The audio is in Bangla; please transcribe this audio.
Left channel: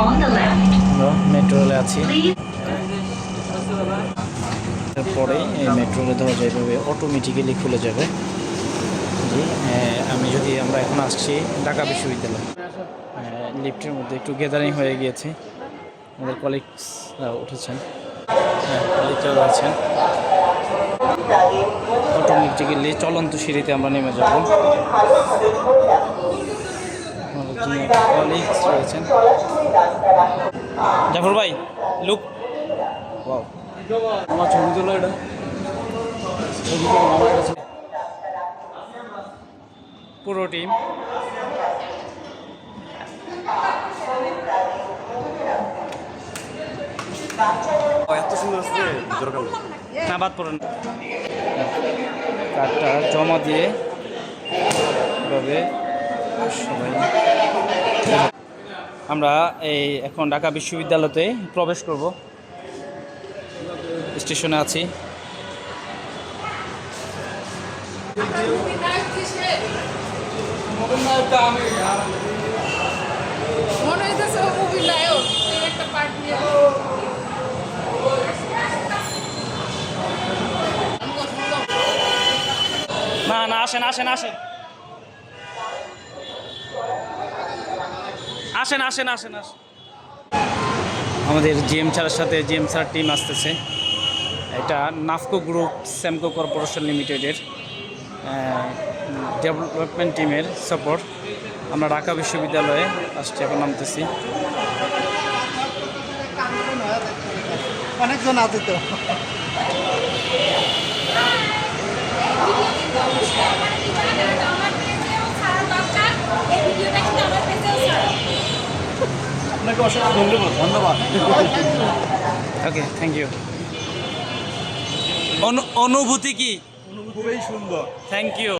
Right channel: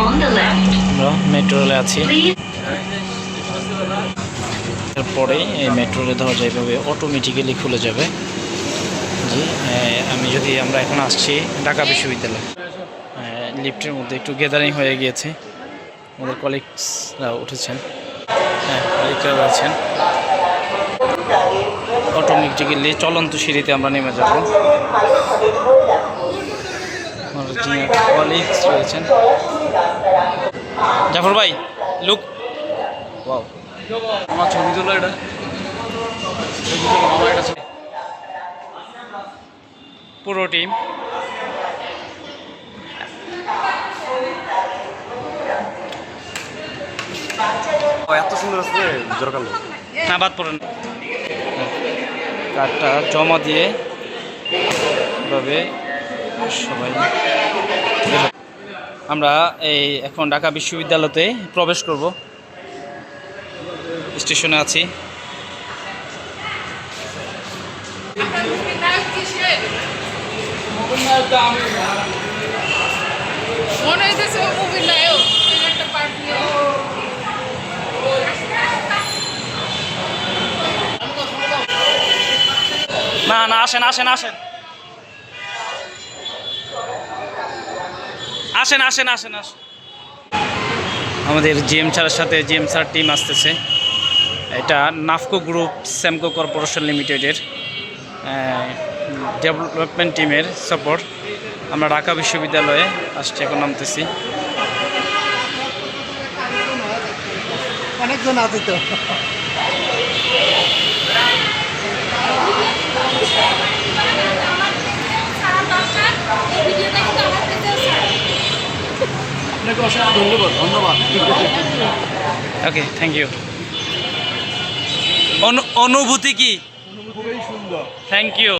আমরা মেট্রো রেলে আছি। এরপরেই এই মেট্রো রেল ধরা যায় এভাবে অটোমেটিক্যালি খুলে যাবে। জি, আমরা এখন আসছি ঢাকা বিশ্ববিদ্যালয়। লিফটের মধ্যে একটু গ্যাদারিং হয়ে গিয়েছে, আমাদের কলিগসরা উঠেছেন। হ্যাঁ, কলিগরা রয়েছেন। অটোমেটিক্যালি চলন্ত সিঁড়িতে আমরা নেমে যাব। আমার জিনিয়ার কলিগস রয়েছেন। জাফর ভাই, লুক, ওয়াও, আমার ছবি তোলা, এটা ছবি তোলা মামা, এটা পুরো টিম। এত সুন্দর আছে দরকার না, বাদ পড়েন। কার্ডটা জমা দিয়ে এভাবে সবাই আমরা এখন ঢাকা বিশ্ববিদ্যালয়তে প্রবেশ করব। স্টেশনে আছি। না না, আসেন আসেন আসেন আসেন আসেন আসেন আসেন। আমাদের জিএম স্যারের সাথে জিএম স্যার টিম আসতেছে। এটা নাফকো গ্রুপ স্যামকো কর্পোরেশন লিমিটেডের ডেভেলপমেন্ট টিমের সাপোর্ট। আমরা ঢাকা বিশ্ববিদ্যালয়ে আসছি, এখন নামতেছি। অনেকজন আছে তো। আপনাকে অসংখ্য ধন্যবাদ। Okay, thank you. অনুভূতি কি? খুবই সুন্দর। Thank you.